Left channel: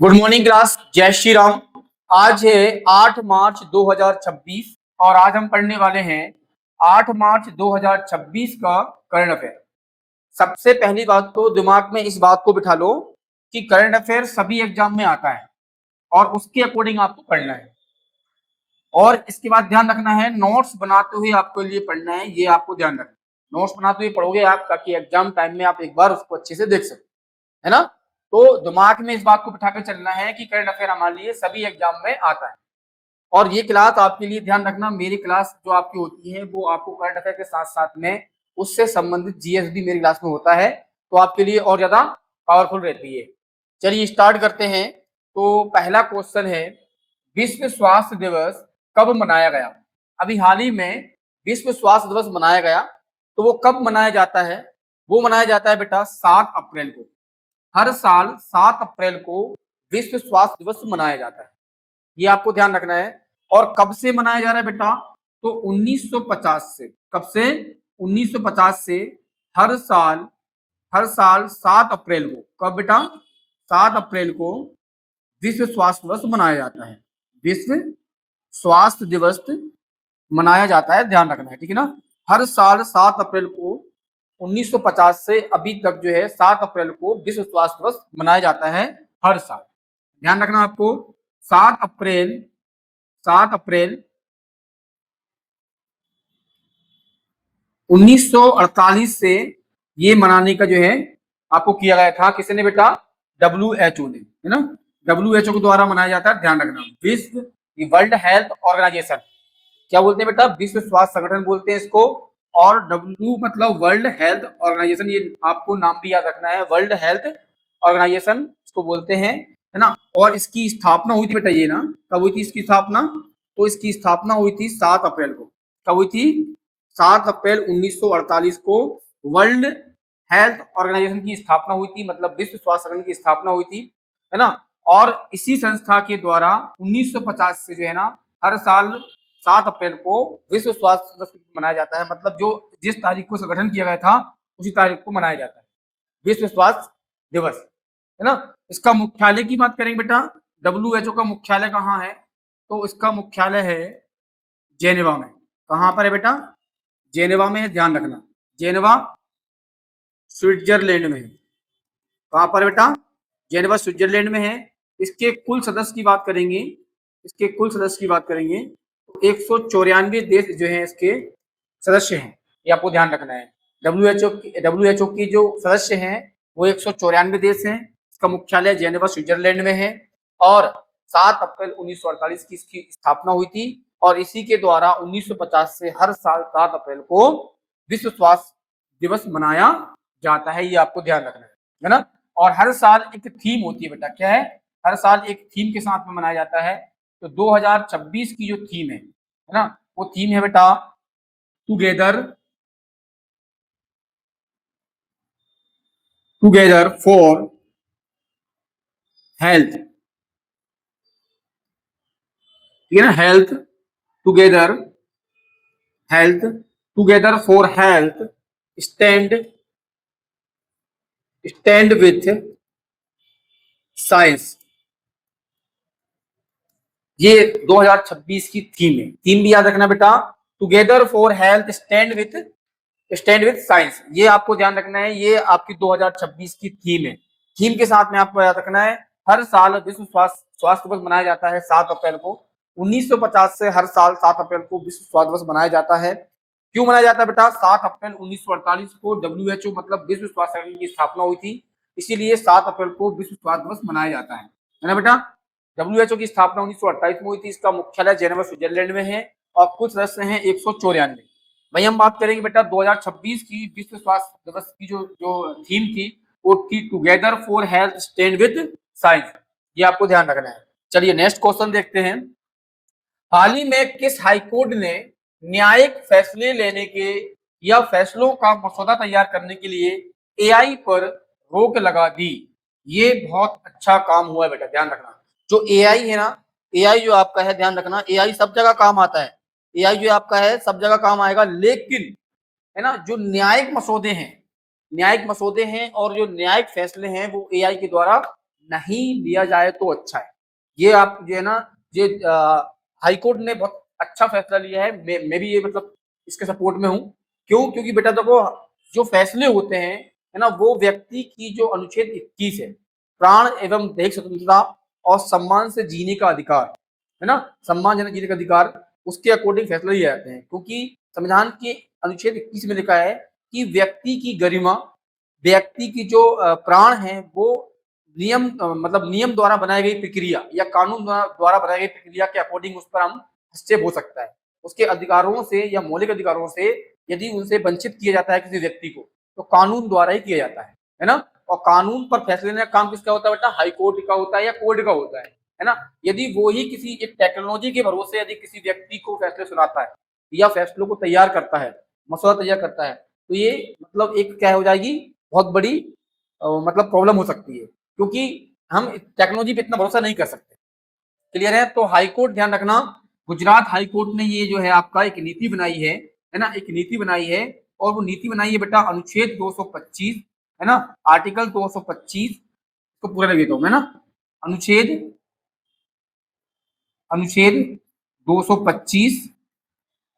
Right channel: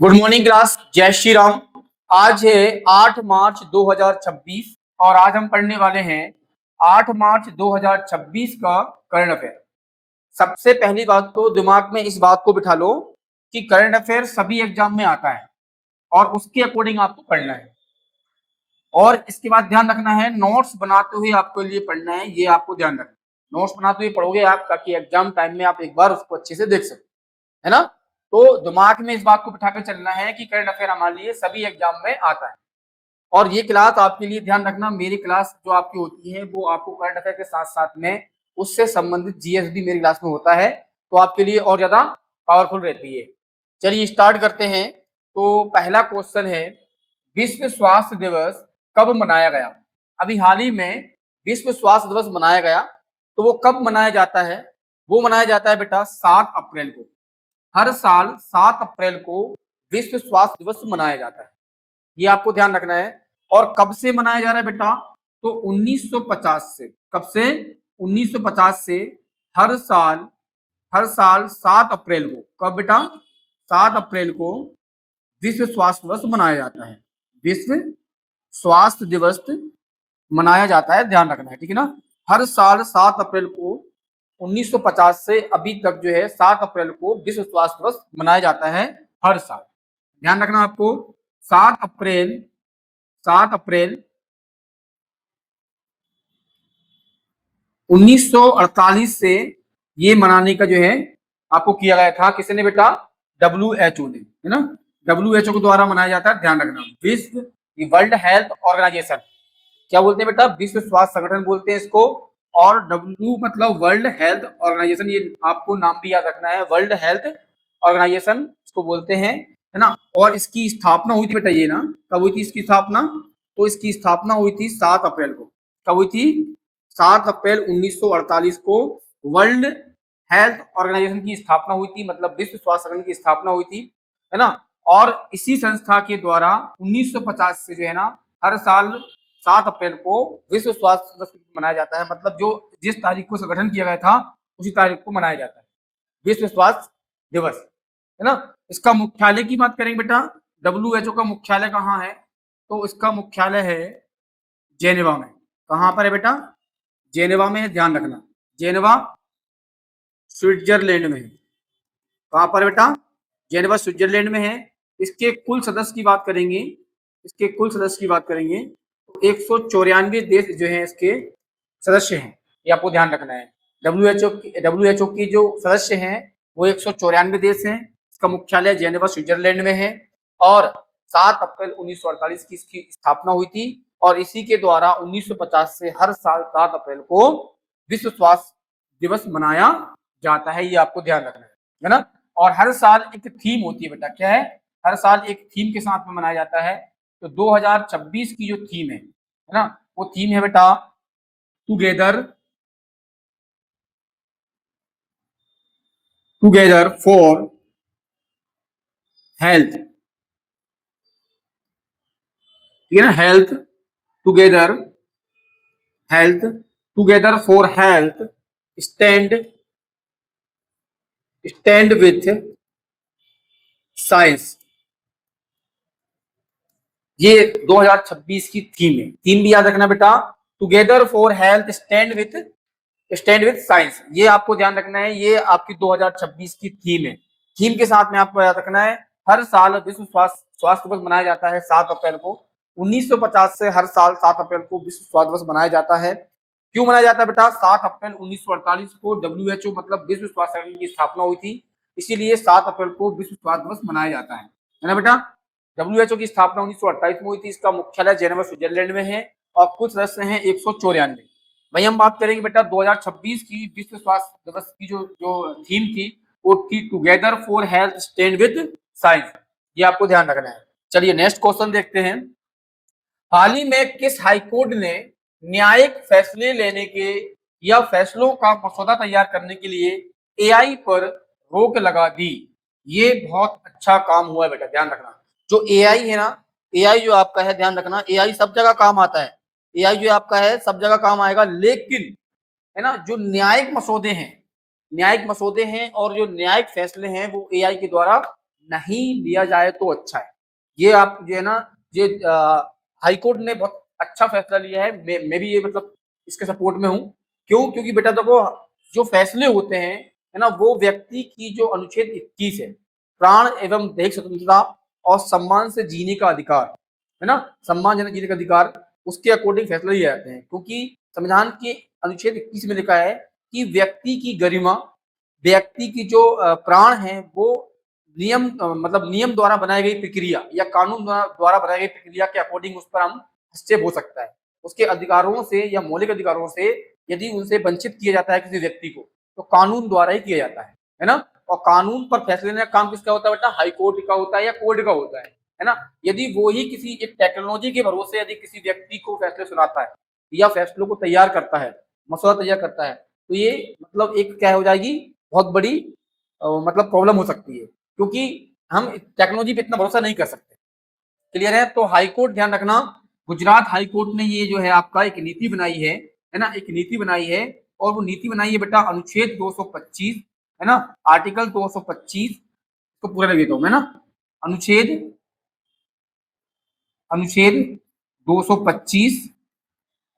Good morning class, जय श्री राम। आज है 8 मार्च 2026 और आज हम पढ़ने वाले हैं 8 मार्च 2026 का करंट अफेयर। सबसे पहली बात तो दिमाग में इस बात को बिठा लो कि करंट अफेयर सभी एग्जाम में आता है और उसके अकॉर्डिंग आपको पढ़ना है। और इसके बाद ध्यान रखना है, नोट्स बनाते हुए आपको लिए पढ़ना है, ये आपको ध्यान रखना। नोट्स बनाते हुए पढ़ोगे आप ताकि एग्जाम टाइम में आप एक बार उसको अच्छे से देख सको, है ना। तो दिमाग में इस बात को बिठा के चलना है कि करंट अफेयर हमारे लिए सभी एग्जाम में आता है। और ये क्लास आपके लिए ध्यान रखना, मेरी क्लास जो आपकी होती है वो आपको करंट अफेयर के साथ साथ में उससे संबंधित जीएस भी मेरी क्लास में होता है, तो आपके लिए और ज्यादा पावरफुल रहती है। चलिए स्टार्ट करते हैं। तो पहला क्वेश्चन है, विश्व स्वास्थ्य दिवस कब मनाया गया? अभी हाल ही में विश्व स्वास्थ्य दिवस मनाया गया, तो वो कब मनाया जाता है? वो मनाया जाता है बेटा 7 अप्रैल। हर साल 7 अप्रैल को विश्व स्वास्थ्य दिवस मनाया जाता है, ये आपको ध्यान रखना है। और कब से मनाया जा रहा है बेटा? तो 1950 से। कब से? 1950 से हर साल 7 अप्रैल को। कब बेटा? 7 अप्रैल को विश्व स्वास्थ्य दिवस मनाया जाता है। विश्व स्वास्थ्य दिवस मनाया जाता है, ध्यान रखना है, ठीक है ना। हर साल 7 अप्रैल को 1950 से अभी तक जो है 7 अप्रैल को विश्व स्वास्थ्य दिवस मनाया जाता है हर साल। ध्यान रखना आपको, 7 अप्रैल 1948 से ये मनाने का जो है आपको किया गया था। किसने बेटा? WHO ने, है ना। WHO के द्वारा मनाया जाता है, ध्यान रखना। विश्व वर्ल्ड हेल्थ ऑर्गेनाइजेशन, क्या बोलते हैं बेटा? विश्व स्वास्थ्य संगठन बोलते हैं इसको। और W मतलब वर्ल्ड हेल्थ ऑर्गेनाइजेशन, ये आपको नाम भी याद रखना है, वर्ल्ड हेल्थ ऑर्गेनाइजेशन इसको बोलते हैं, है ना। और इसकी स्थापना हुई थी बेटा, ये ना, कब हुई थी इसकी स्थापना? तो इसकी स्थापना हुई थी 7 अप्रैल को। कब हुई थी? 7 अप्रैल 1948 को वर्ल्ड हेल्थ ऑर्गेनाइजेशन की स्थापना हुई थी, मतलब विश्व स्वास्थ्य संगठन की स्थापना हुई थी, है ना। और इसी संस्था के द्वारा 1950 से जो है ना हर साल 7 अप्रैल को विश्व स्वास्थ्य दिवस मनाया जाता है। मतलब जो जिस तारीख को संगठन किया गया था उसी तारीख को मनाया जाता है विश्व स्वास्थ्य दिवस, है ना। इसका मुख्यालय की बात करें बेटा, WHO का मुख्यालय कहाँ है? तो इसका मुख्यालय है जेनेवा में। कहाँ पर है बेटा? जेनेवा में है, ध्यान रखना। जेनेवा स्विट्जरलैंड में है। कहाँ पर बेटा? जेनेवा स्विट्जरलैंड में है। इसके कुल सदस्य की बात करेंगे, तो 194 देश जो है इसके सदस्य हैं, ये आपको ध्यान रखना है। WHO की जो सदस्य हैं वो 194 देश हैं। इसका मुख्यालय जेनेवा स्विट्जरलैंड में है। और 7 अप्रैल 1948 की इसकी स्थापना हुई थी। और इसी के द्वारा 1950 से हर साल 7 अप्रैल को विश्व स्वास्थ्य दिवस मनाया जाता है, ये आपको ध्यान रखना है ना। और हर साल एक थीम होती है बेटा, क्या है? हर साल एक थीम के साथ में मनाया जाता है। तो 2026 की जो थीम है ना, वो थीम है बेटा टुगेदर फॉर हेल्थ, ठीक है ना। Together health together for health stand with science, ये 2026 की थीम है। थीम भी याद रखना बेटा, together for health stand with science, ये आपको ध्यान रखना है। ये आपकी 2026 की थीम है। थीम के साथ में आपको याद रखना है, हर साल विश्व स्वास्थ्य दिवस मनाया जाता है 7 अप्रैल को। 1950 से हर साल 7 अप्रैल को विश्व स्वास्थ्य दिवस मनाया जाता है। क्यों मनाया जाता है बेटा? 7 अप्रैल 1948 को WHO मतलब विश्व स्वास्थ्य संगठन की स्थापना हुई थी, इसीलिए 7 अप्रैल को विश्व स्वास्थ्य दिवस मनाया जाता है ना बेटा। WHO की स्थापना 1948 में हुई थी। इसका मुख्यालय जेनेवा स्विट्जरलैंड में है और कुछ सदस्य हैं 194। भाई हम बात करेंगे बेटा 2026 की विश्व स्वास्थ्य दिवस की जो जो थीम थी, वो थी together for health stand with science, ये आपको ध्यान रखना है। चलिए नेक्स्ट क्वेश्चन देखते हैं। हाल ही में किस हाईकोर्ट ने न्यायिक फैसले लेने के या फैसलों का मसौदा तैयार करने के लिए एआई पर रोक लगा दी? ये बहुत अच्छा काम हुआ है बेटा, ध्यान रखना। जो एआई है ना, एआई जो आपका है, ध्यान रखना, एआई सब जगह काम आता है। एआई जो आपका है सब जगह काम आएगा, लेकिन है ना जो न्यायिक मसौदे हैं और जो न्यायिक फैसले हैं वो एआई के द्वारा नहीं लिया जाए तो अच्छा है। ये आप जो है ना, ये हाई कोर्ट ने बहुत अच्छा फैसला लिया है। मैं भी ये मतलब इसके सपोर्ट में हूँ। क्यों? क्योंकि बेटा देखो, जो फैसले होते हैं है ना, वो व्यक्ति की जो अनुच्छेद 21 है, प्राण एवं दैहिक स्वतंत्रता और सम्मान से जीने का अधिकार, है ना, सम्मानजनक जीने का अधिकार, उसके अकॉर्डिंग फैसला लिए जाते हैं। क्योंकि संविधान के अनुच्छेद 21 में लिखा है कि व्यक्ति की गरिमा, व्यक्ति की जो प्राण है वो नियम मतलब नियम द्वारा बनाई गई प्रक्रिया या कानून द्वारा बनाई गई प्रक्रिया के अकॉर्डिंग उस पर हम हस्तक्षेप हो सकता है। उसके अधिकारों से या मौलिक अधिकारों से यदि उनसे वंचित किया जाता है किसी व्यक्ति को, तो कानून द्वारा ही किया जाता है ना। और कानून पर फैसले लेने का काम किसका होता है बेटा? हाई कोर्ट का होता है या कोर्ट का होता है ना। यदि वो ही किसी एक टेक्नोलॉजी के भरोसे यदि किसी व्यक्ति को फैसले सुनाता है या फैसलों को तैयार करता है, मसौदा तैयार करता है, तो ये मतलब एक क्या हो जाएगी, बहुत बड़ी मतलब प्रॉब्लम हो सकती है। क्योंकि हम टेक्नोलॉजी पे इतना भरोसा नहीं कर सकते। क्लियर है? तो हाई कोर्ट ध्यान रखना, गुजरात हाई कोर्ट ने ये जो है आपका एक नीति बनाई है ना, एक नीति बनाई है। और वो नीति बनाई है बेटा अनुच्छेद 225, है ना, आर्टिकल 225 को पूरा लिख देता हूं मैं ना। अनुच्छेद अनुच्छेद 225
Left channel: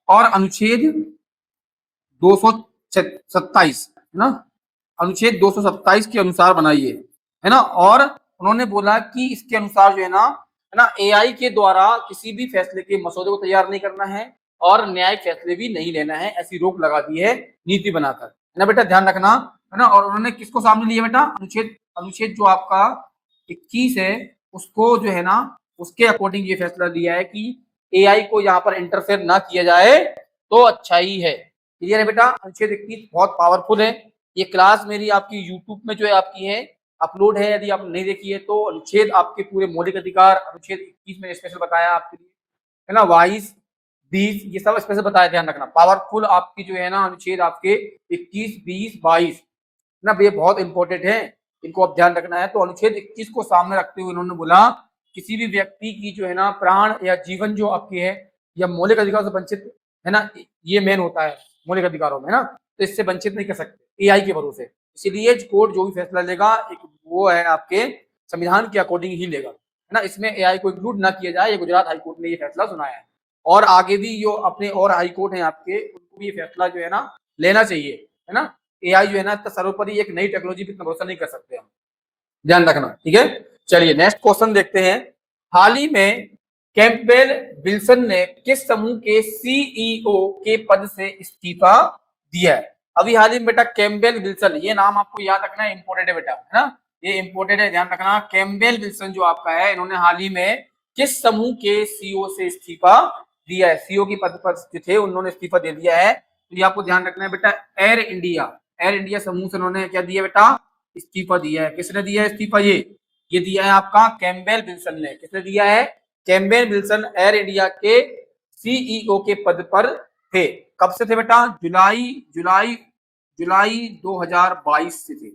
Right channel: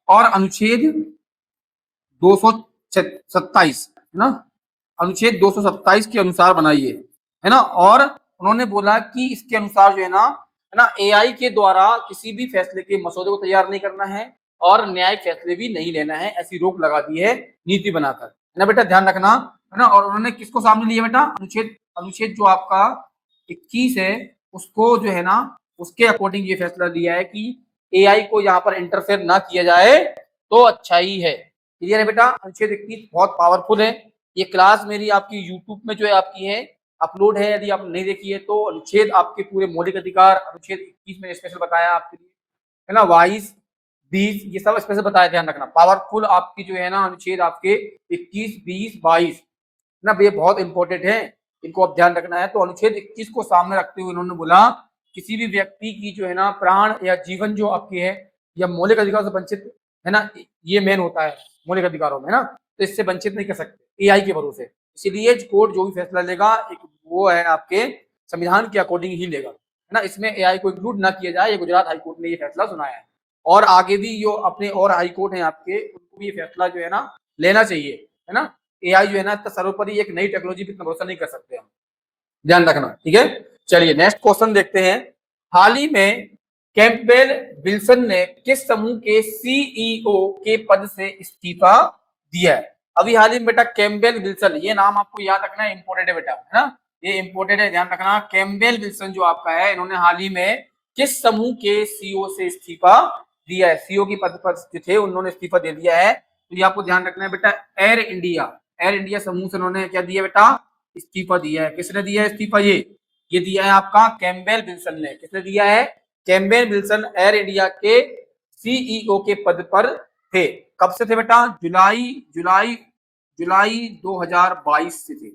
और अनुच्छेद 227, है ना, अनुच्छेद 227 के अनुसार बनाई है ना। और उन्होंने बोला कि इसके अनुसार जो है ना, एआई के द्वारा किसी भी फैसले के मसौदे को तैयार नहीं करना है और न्यायिक फैसले भी नहीं लेना है, ऐसी रोक लगा दी है नीति बनाकर, है ना बेटा, ध्यान रखना, है ना। और उन्होंने किसको सामने लिया बेटा? अनुच्छेद अनुच्छेद जो आपका 21 है, उसको जो है ना, उसके अकॉर्डिंग ये फैसला लिया है कि एआई को यहाँ पर इंटरफेयर ना किया जाए तो अच्छा ही है। क्लियर है बेटा? अनुच्छेद 21 बहुत पावरफुल है। ये क्लास मेरी आपकी यूट्यूब में जो है आपकी है, अपलोड है, यदि आप नहीं देखी है तो। अनुच्छेद आपके पूरे मौलिक अधिकार अनुच्छेद 21 में स्पेशल बताया आपके लिए, है ना, 22 20 ये सब स्पेशल बताया, ध्यान रखना। पावरफुल आपकी जो है ना अनुच्छेद आपके 21 20 22 ना, ये बहुत इंपॉर्टेंट है, इनको आप ध्यान रखना है। तो अनुच्छेद 21 को सामने रखते हुए उन्होंने बोला किसी भी व्यक्ति की जो है ना प्राण या जीवन जो आपकी है या मौलिक अधिकार से वंचित, है ना, ये मेन होता है मौलिक अधिकारों में ना, तो इससे वंचित नहीं कर सकते एआई के भरोसे। इसीलिए कोर्ट जो भी फैसला लेगा एक वो है आपके संविधान के अकॉर्डिंग ही लेगा, है ना। इसमें एआई को इंक्लूड ना किया जाए, ये गुजरात हाईकोर्ट ने ये फैसला सुनाया है। और आगे भी जो अपने और हाई कोर्ट है आपके, उनको भी ये फैसला जो है ना लेना चाहिए, है ना। एआई जो है ना इतना सर्वोपरि एक नई टेक्नोलॉजी पे इतना भरोसा नहीं कर सकते हम, ध्यान रखना, ठीक है। चलिए नेक्स्ट क्वेश्चन देखते हैं। हाल ही में कैम्पबेल विल्सन ने किस समूह के सीईओ के पद से इस्तीफा दिया है? अभी हाल ही में बेटा कैम्पबेल विल्सन, ये नाम आपको याद रखना है, इंपोर्टेंट है बेटा, है ना, ये इंपोर्टेंट है, ध्यान रखना। कैम्पबेल विल्सन जो आपका है, इन्होंने हाल ही में किस समूह के सीईओ से इस्तीफा दिया है? सीईओ की पद पर जो थे उन्होंने इस्तीफा दे दिया है। तो ये आपको ध्यान रखना है बेटा, एयर इंडिया समूह से उन्होंने क्या दिया बेटा? इस्तीफा दिया है। किसने दिया है इस्तीफा? ये दिया है आपका कैम्पबेल विल्सन ने। किसने दिया है? कैम्पबेल विल्सन एयर इंडिया के सीईओ के पद पर थे। कब से थे बेटा? जुलाई जुलाई 2022 से थे,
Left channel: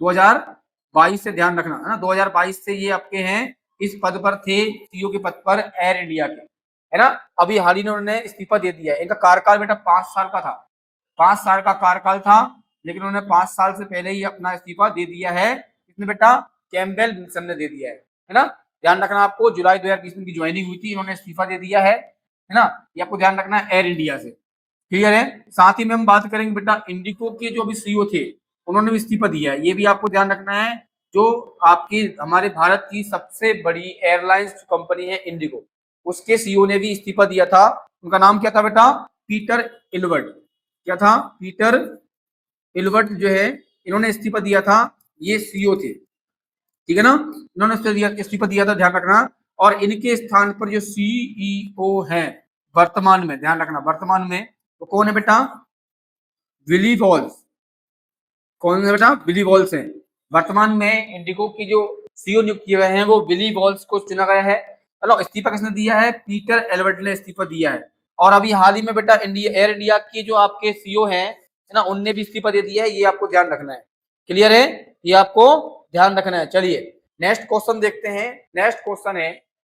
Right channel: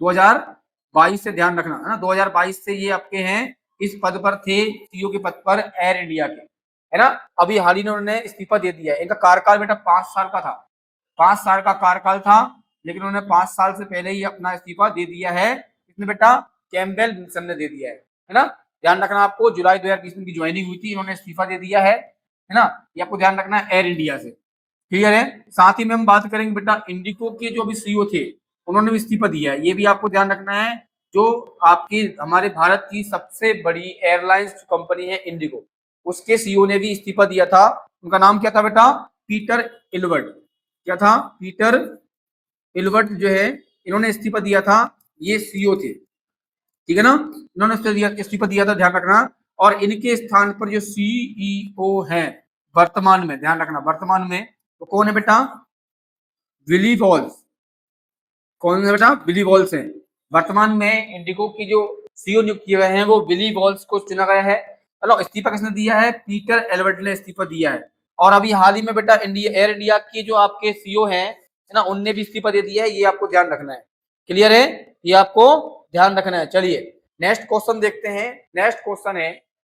2022 से, ध्यान रखना, है ना, 2022 से ये आपके हैं इस पद पर थे, सीईओ के पद पर एयर इंडिया के, है ना। अभी हाल ही में उन्होंने इस्तीफा दे दिया है। इनका कार्यकाल बेटा 5 साल का था, 5 साल का कार्यकाल था, लेकिन उन्होंने 5 साल से पहले ही अपना इस्तीफा दे दिया है। किसने बेटा? कैम्पबेल विल्सन ने दे दिया है ना। ध्यान रखना, आपको जुलाई 2020 में ज्वाइनिंग हुई थी, इन्होंने इस्तीफा दे दिया है ना। ये आपको ध्यान रखना है एयर इंडिया से, क्लियर है। साथ ही में हम बात करेंगे बेटा इंडिगो के जो अभी सीईओ थे, उन्होंने भी इस्तीफा दिया है, ये भी आपको ध्यान रखना है। जो आपकी हमारे भारत की सबसे बड़ी एयरलाइंस कंपनी है इंडिगो, उसके सीईओ ने भी इस्तीफा दिया था। उनका नाम क्या था बेटा? Peter Albert. क्या था? पीटर एलबर्ट जो है, इन्होंने इस्तीफा दिया था, ये सीईओ थे, ठीक है ना, इन्होंने इस्तीफा दिया था, ध्यान रखना। और इनके स्थान पर ये सीईओ है वर्तमान में, ध्यान रखना, वर्तमान में तो कौन है बेटा? Willy Walls. कौन है बेटा? विली वॉल्स है। वर्तमान में इंडिगो की जो सीईओ नियुक्त किए गए हैं वो विली वॉल्स को चुना गया है। चलो, इस्तीफा किसने दिया है? पीटर एलबर्ट ने इस्तीफा दिया है। और अभी हाल ही में बेटा एयर इंडिया के जो आपके सीईओ हैं, है ना, उनने भी इस्तीफा दे दिया है, ये आपको ध्यान रखना है, क्लियर है, ये आपको ध्यान रखना है। चलिए नेक्स्ट क्वेश्चन देखते हैं। नेक्स्ट क्वेश्चन है,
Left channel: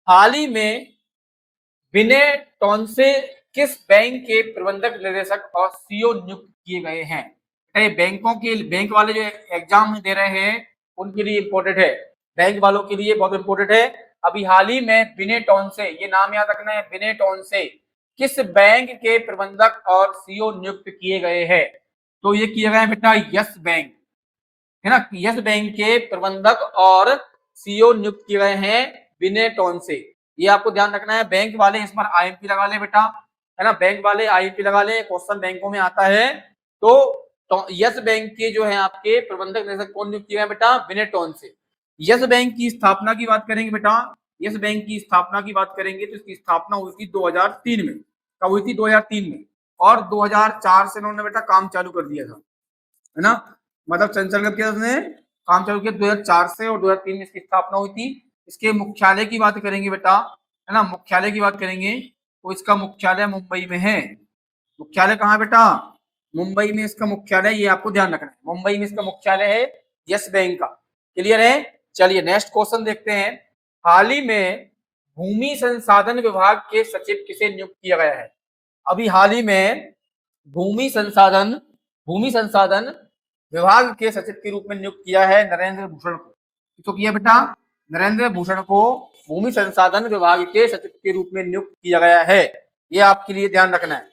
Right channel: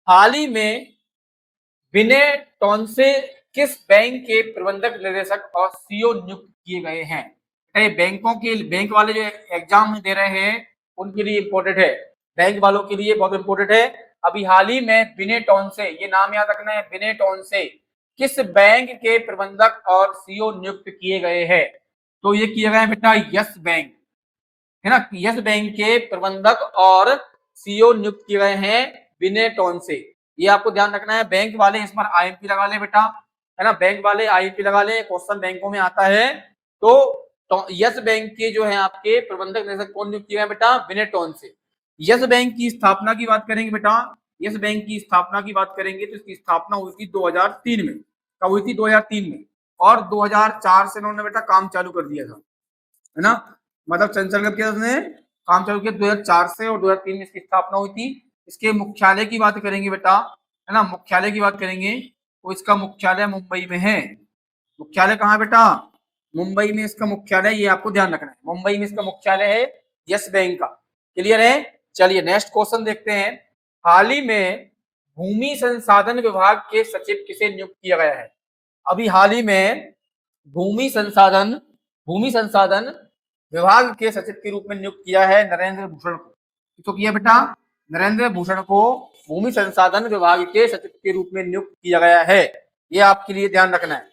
हाल ही में विनय टॉन्से किस बैंक के प्रबंधक निदेशक और सीईओ नियुक्त किए गए हैं? बैंकों के बैंक वाले जो एग्जाम दे रहे हैं उनके लिए इंपॉर्टेंट है। बैंक वालों के लिए बहुत इंपॉर्टेंट है। अभी हाल ही में बिनेटॉन से, ये नाम याद रखना है, बिनेटॉन से किस बैंक के प्रबंधक और सीईओ नियुक्त किए गए हैं? तो ये किए गए बेटा यस बैंक, है ना। यस बैंक के प्रबंधक और सीईओ नियुक्त किए गए हैं बिनेटॉन से। ये आपको ध्यान रखना है। बैंक वाले इस बार आईएमपी लगा ले बेटा, है ना। बैंक वाले आईएमपी लगा ले, क्वेश्चन बैंकों में आते हैं। तो यस बैंक के जो है आपके प्रबंधक निदेशक कौन नियुक्त किया है बेटा? बिनेटॉन से। यस बैंक की स्थापना की बात करेंगे बेटा, यस बैंक की स्थापना की बात करेंगे तो इसकी स्थापना हुई थी 2003 में। कब हुई थी? 2003 में। और 2004 से उन्होंने बेटा काम चालू कर दिया था, है ना। मतलब संचालन कब किया उसने? काम चालू किया 2004 से, और 2003 में इसकी स्थापना हुई थी। इसके मुख्यालय की बात करेंगे बेटा, है ना, मुख्यालय की बात करेंगे तो इसका मुख्यालय मुंबई में है। मुख्यालय कहाँ है बेटा? मुंबई में इसका मुख्यालय, ये आपको ध्यान रखना है, मुंबई में इसका मुख्यालय है यस बैंक का। क्लियर है? चलिए नेक्स्ट क्वेश्चन देखते हैं। हाल ही में भूमि संसाधन विभाग के सचिव किसे नियुक्त किया गया है? अभी हाल ही में भूमि संसाधन विभाग के सचिव के रूप में नियुक्त किया है नरेंद्र भूषण को। तो किया बेटा? नरेंद्र भूषण को भूमि संसाधन विभाग के सचिव के रूप में नियुक्त किया गया है। ये आपके लिए ध्यान रखना है।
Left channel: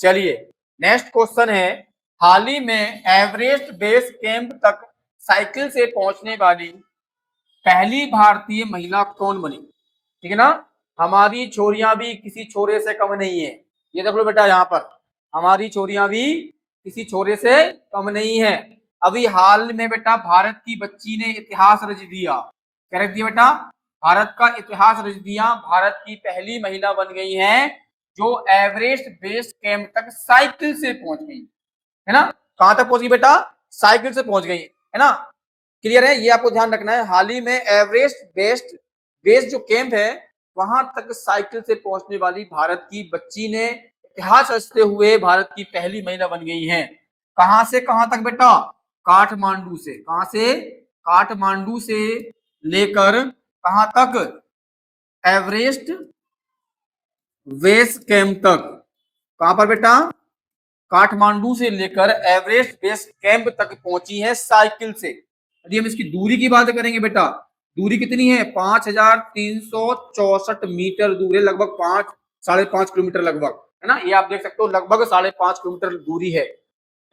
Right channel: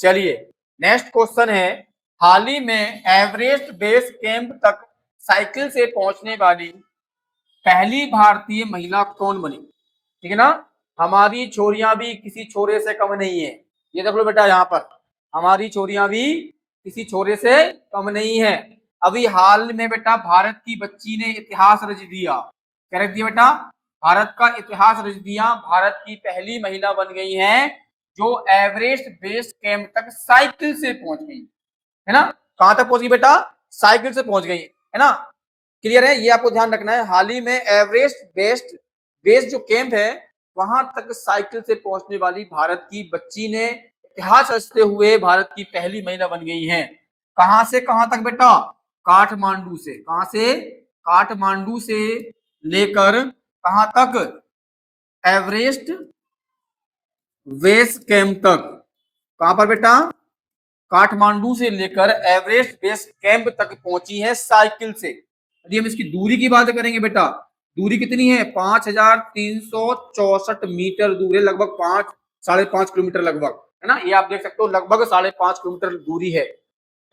चलिए नेक्स्ट क्वेश्चन है। हाल ही में एवरेस्ट बेस कैंप तक साइकिल से पहुंचने वाली पहली भारतीय महिला कौन बनी? ठीक है ना। हमारी छोरियां भी किसी छोरे से कम नहीं है। ये देख लो बेटा, यहाँ पर हमारी छोरियां भी किसी छोरे से कम नहीं है। अभी हाल में बेटा भारत की बच्ची ने इतिहास रच दिया। क्या रच दिया बेटा? भारत का इतिहास रच दिया। भारत की पहली महिला बन गई है जो एवरेस्ट बेस कैंप तक साइकिल से पहुंच गई, है ना। कहां तक पहुंची बेटा? साइकिल से पहुंच गई, है ना। क्लियर है? ये आपको ध्यान रखना है। हाल ही में एवरेस्ट बेस जो कैंप है वहां तक साइकिल से पहुंचने वाली भारत की बच्ची ने इतिहास रचते हुए भारत की पहली महिला बन गई है। कहां से कहां तक बेटा? काठमांडू से। कहां से? काठमांडू से लेकर कहां तक? एवरेस्ट बेस कैंप तक। कहां पर बेटा? काठमांडू से लेकर एवरेस्ट बेस कैंप तक पहुंची है साइकिल से। यदि हम इसकी दूरी की बात करेंगे बेटा, दूरी कितनी है? 5364 मीटर दूर है, लगभग 5-5.5 किलोमीटर लगभग, है ना। ये आप देख सकते हो, लगभग 5.5 किलोमीटर दूरी है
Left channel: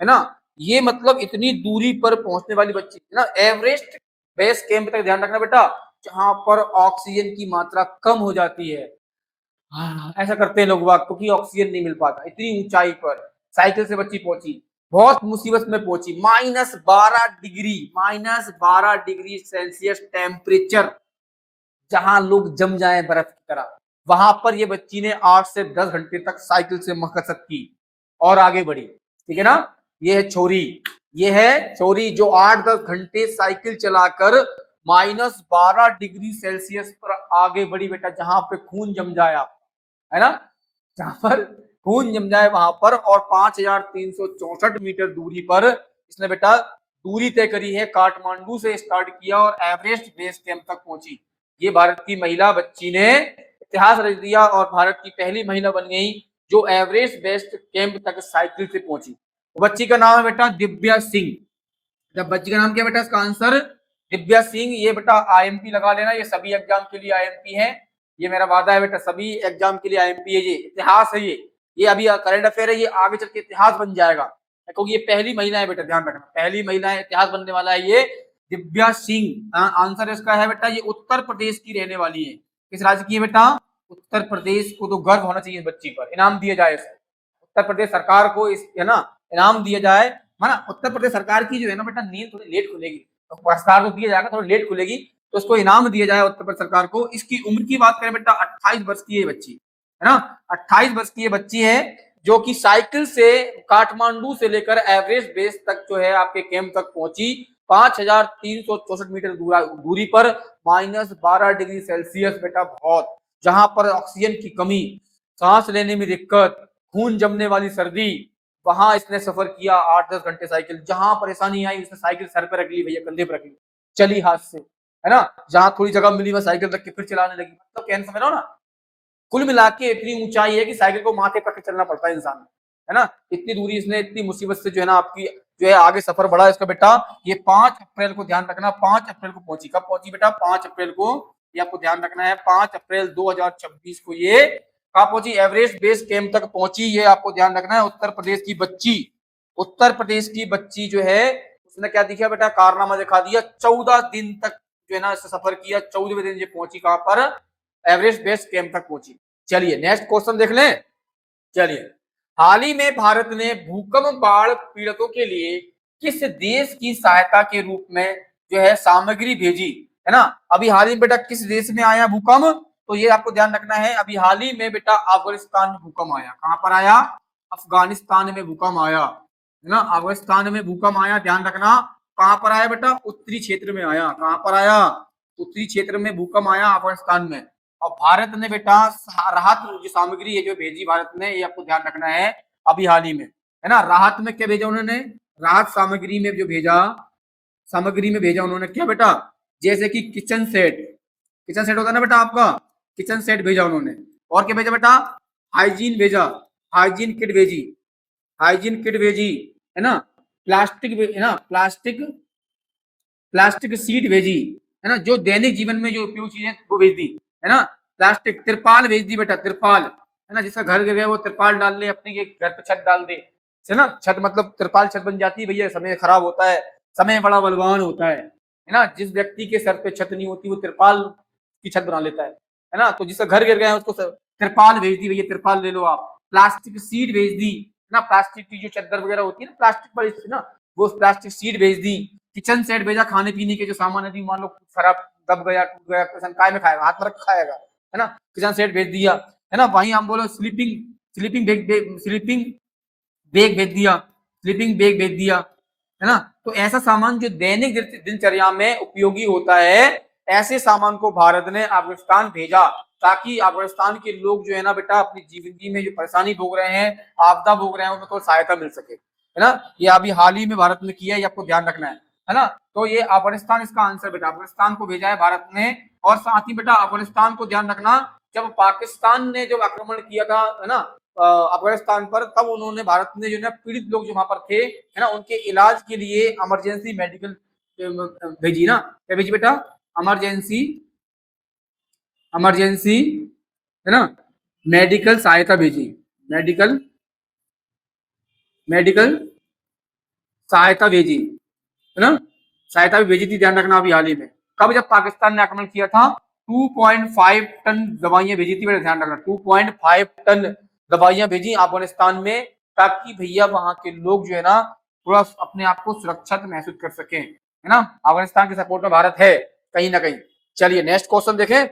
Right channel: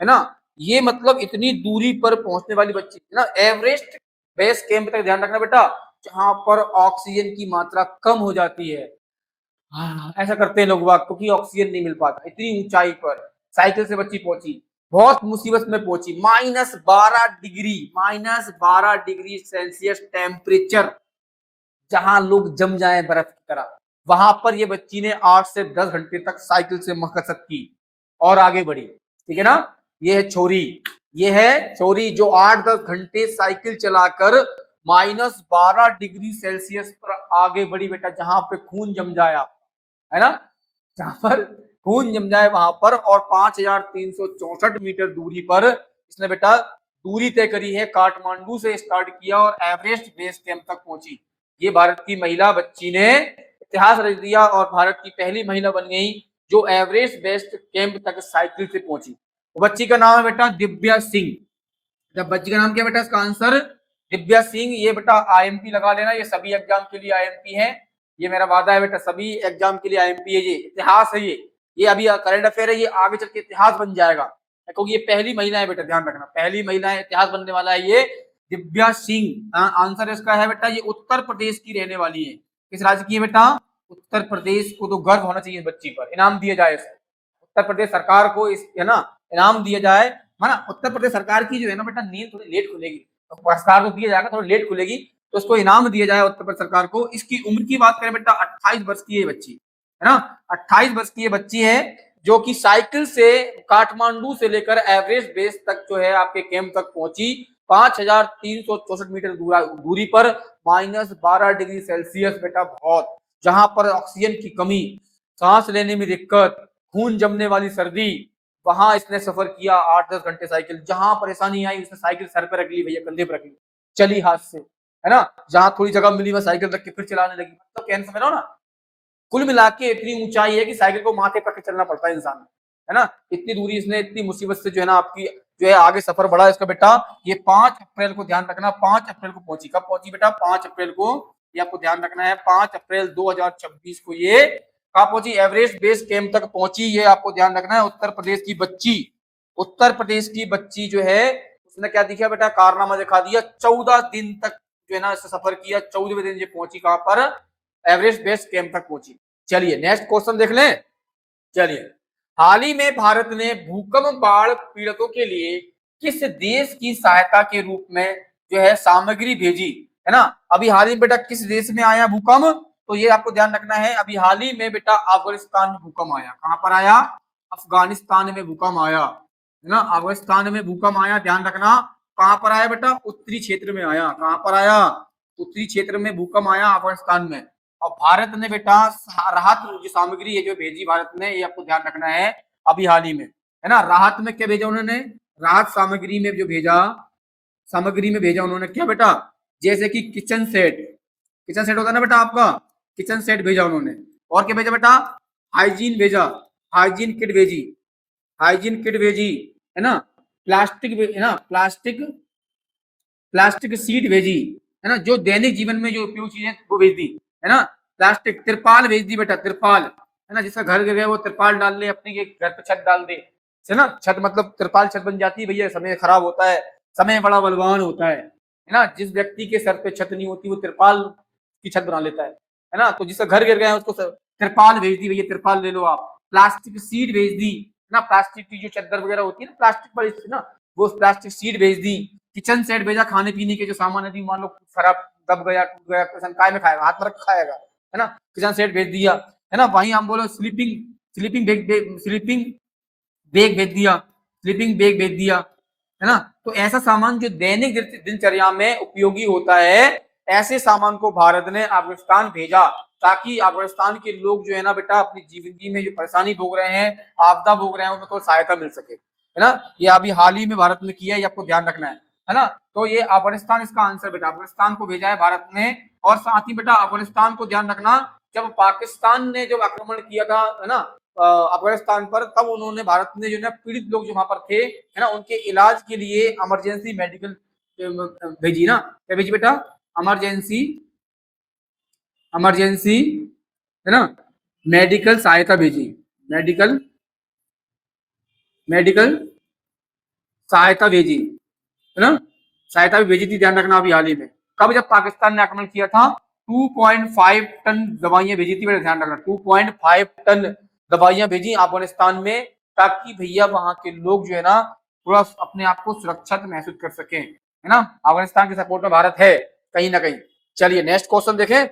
ना। ये मतलब इतनी दूरी पर पहुंचने वाली बच्ची ना एवरेस्ट बेस कैंप तक। ध्यान रखना बेटा, जहां पर ऑक्सीजन की मात्रा कम हो जाती है। हाँ, ऐसा करते हैं लोग वाग, क्योंकि ऑक्सीजन नहीं मिल पाता। इतनी ऊंचाई पर साइकिल से बच्ची पहुंची, बहुत मुसीबत में पहुंची। -12 डिग्री सेल्सियस टेम्परेचर, जहां लोग जम जाए बर्फ की तरह, वहां पर ये बच्ची ने 8 से 10 घंटे तक साइकिल से मकसद की और आगे बढ़ी। ठीक है ना। ये है छोरी, ये है छोरी जो 8-10 घंटे साइकिल चलाकर -12 डिग्री सेल्सियस पर आगे बढ़ी बेटा, जहां पे खून जम जाया, है ना, जहां पर खून जम जाए वहां पर। और 5364 मीटर दूरी पर इसने बेटा दूरी तय करी है। काठमांडू से स्टार्ट किया और एवरेस्ट बेस कैंप तक पहुंची। ये भारत की महिला बच्ची ने इतिहास रच दिया और भारत की पहली महिला बन गई जो एवरेस्ट बेस कैंप तक साइकिल से पहुंची। तो बच्ची का नाम है बेटा दिव्या सिंह। जब बच्ची का नाम क्या बेटा? इसका आंसर दिव्या सिंह। ये बेटा आईएमपी लगा लेना, ये सभी एग्जाम के लिए आईएमपी है। ये मेरा वादा है बेटा, सभी एग्जाम के लिए आईएमपी है। ये इतिहास है, ये अभी करंट अफेयर है, ये आगे चल के इतिहास बन जाएगा, क्योंकि ये पहली महिला है बेटा, ध्यान रखना, पहली महिला है, इतिहास बनने वाला है ये दिव्या सिंह। आंसर इसका है बेटा, ये उत्तर प्रदेश की रहने वाली है। किस राज्य की बेटा? उत्तर प्रदेश को। तो गर्व होना चाहिए इस बच्ची पर, इनाम दिया जाए इसे। उत्तर प्रदेश सरकार को इस, है ना, इनाम दिया जाए, है ना। उत्तर प्रदेश सरकार की जो है ना बेटा नींद थोड़ी लेट खुलेगी, तो पुरस्कार तो दिया जाएगा, थोड़ी लेट खुलेगी, तो इसको इनाम दिया जाए उत्तर प्रदेश सरकार को। इसकी उम्र की बात करें बेटा, 28 वर्ष की है बच्ची, है ना। 28 वर्ष की ये बच्ची है जो कि साइकिल से काठमांडू से लेकर एवरेस्ट बेस तक जो है आपके कैंप तक पहुंची। 5364 मीटर दूरी पर -12 डिग्री सेल्सियस बेटा, बहुत, जहां पर ऑक्सीजन की कमी, सांस लेने में दिक्कत, खून जमने वाली सर्दी, वहां इसने सफर किया 8-10 घंटे साइकिल। जहां परेशानी आई उसने साइकिल सर पे रख ली भैया, कंधे पे रख ली, चली हाथ से, है ना। जहां थोड़ी जगह मिली वह साइकिल रख के फिर चलाने लगी। तो कैन समझ लो ना, कुल मिला के इतनी ऊंचाई है कि साइकिल को माथे पर चलना पड़ता है इंसान, है ना। इतनी दूरी इसने इतनी मुसीबत से जो है ना आपकी जो है आगे सफर बढ़ा इसका बेटा, ये 5 अप्रैल को ध्यान रखना, 5 अप्रैल को पहुंची। कब पहुंची बेटा? 5 अप्रैल को। ये आपको ध्यान रखना है, 5 अप्रैल 2026 को ये कहाँ पहुंची? एवरेस्ट बेस कैंप तक पहुंची। ये आपको ध्यान रखना है। उत्तर प्रदेश की बच्ची, उत्तर प्रदेश की बच्ची जो है उसने क्या दिखा बेटा? कारनामा दिखा दिया। 14 दिन तक जो है ना इससे सफर किया, 14वें दिन ये पहुंची कहां पर? एवरेस्ट बेस कैंप तक पहुंची। चलिए नेक्स्ट क्वेश्चन देख लें। चलिए, हाल ही में भारत ने भूकंप बाढ़ पीड़ितों के लिए किस देश की सहायता के रूप में जो है सामग्री भेजी, है ना? अभी हाल ही में बेटा किस देश में आया भूकंप? तो ये आपको ध्यान रखना है, अभी हाल ही में बेटा अफगानिस्तान में भूकंप आया। कहां पर आया? अफगानिस्तान में भूकंप आया, है ना? अफगानिस्तान में भूकंप आया, ध्यान रखना। कहां पर आया बेटा? उत्तरी क्षेत्र में आया। कहां पर आया? उत्तरी क्षेत्र में भूकंप आया अफगानिस्तान में। और भारत ने बेटा राहत जो सामग्री है जो भेजी भारत ने, ये आपको ध्यान रखना है अभी हाल ही में, है ना? राहत में क्या भेजा उन्होंने? राहत सामग्री में जो भेजा, सामग्री में भेजा उन्होंने क्या बेटा? जैसे कि किचन सेट, किचन सेट होता है ना बेटा आपका, किचन सेट भेजा उन्होंने। और क्या भेजा बेटा? हाइजीन भेजा, हाइजीन किट भेजी, हाइजीन किट भेजी, है ना? प्लास्टिक, है ना? प्लास्टिक, प्लास्टिक सीट भेजी, है ना? जो दैनिक जीवन में जो उपयोग चीजें वो भेज दी, है ना? प्लास्टिक, तिरपाल भेज दी बेटा, तिरपाल, है ना? जिसका घर गिर वो तिरपाल डाल ले, अपनी घर पे छत डाल दे, है ना? छत मतलब तिरपाल छत बन जाती है भैया, समय खराब होता है, समय बड़ा बलवान होता है ना? जिस व्यक्ति के सर पे छत नहीं होती वो तिरपाल की छत बना लेता है ना? तो जिसका घर गिर गया उसको तिरपाल भेज दी भैया, तिरपाल ले लो आप। प्लास्टिक सीट भेज दी, है ना? प्लास्टिक की जो चादर वगैरह होती है ना प्लास्टिक वाली, ना, वो प्लास्टिक सीट भेज दी। किचन सेट भेजा, खाने पीने के जो सामान है, मान लो खराब दब गया, टूट गया, किसान काय में खाएगा? हाथ में रख खाएगा, है ना? किचन सेट भेज दिया, है ना? वहीं हम बोलो sleeping, sleeping bag, sleeping bag भेज दिया, स्लीपिंग बैग भेज दिया, है ना? तो ऐसा सामान जो दैनिक दिनचर्या में उपयोगी होता है, ऐसे सामान को भारत ने अफगानिस्तान भेजा, ताकि अफगानिस्तान के लोग जो है ना बेटा अपनी जिंदगी में जो परेशानी भोग रहे हैं, आपदा भोग रहे हैं, उनको सहायता मिल सके, है ना? ये अभी हाल ही में भारत ने किया, ये आपको ध्यान रखना है ना? तो ये अफगानिस्तान इसका आंसर बेटा, अफगानिस्तान को भेजा है भारत ने। और साथ ही बेटा अफगानिस्तान को ध्यान रखना, जब पाकिस्तान ने जब आक्रमण किया था, है ना, अफगानिस्तान पर, तब उन्होंने भारत ने जो है पीड़ित लोग जो वहां पर थे, है ना, उनके इलाज के लिए इमरजेंसी मेडिकल भेजी ना, क्या भेजी बेटा? इमरजेंसी, इमरजेंसी, है ना, मेडिकल सहायता भेजी, मेडिकल, मेडिकल सहायता भेजी, है ना? सहायता भी भेजी थी, ध्यान रखना अभी हाल ही में। कब? जब पाकिस्तान ने आक्रमण किया था। 2.5 टन दवाइयां भेजी थी, मेरा ध्यान रखना, 2.5 टन दवाइयां भेजी अफगानिस्तान में, ताकि भैया वहां के लोग जो है ना थोड़ा अपने आप को सुरक्षित महसूस कर सकें, है ना? अफगानिस्तान के सपोर्ट में भारत है कहीं ना कहीं। चलिए नेक्स्ट क्वेश्चन देखें।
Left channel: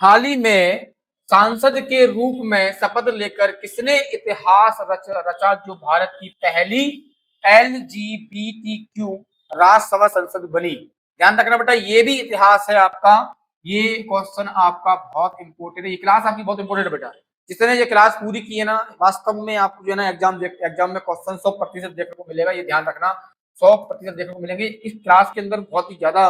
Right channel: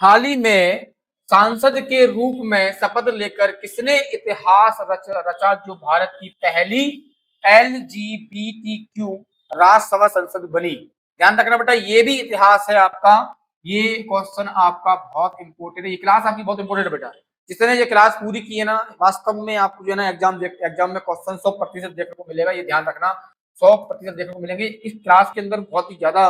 हाल ही में सांसद के रूप में शपथ लेकर किसने इतिहास रचा, जो भारत की पहली LGBTQ राज्यसभा संसद बनी? ध्यान रखना बेटा, ये भी इतिहास है आपका। ये क्वेश्चन आपका बहुत इंपोर्टेंट है, ये क्लास आपकी बहुत इंपोर्टेंट है बेटा। जिसने ये क्लास पूरी की है ना, वास्तव में आपको जो है ना एग्जाम में क्वेश्चन 100% देखने को मिलेगा, ये ध्यान रखना, 100% देखने को मिलेंगे इस क्लास के अंदर। बहुत ही ज्यादा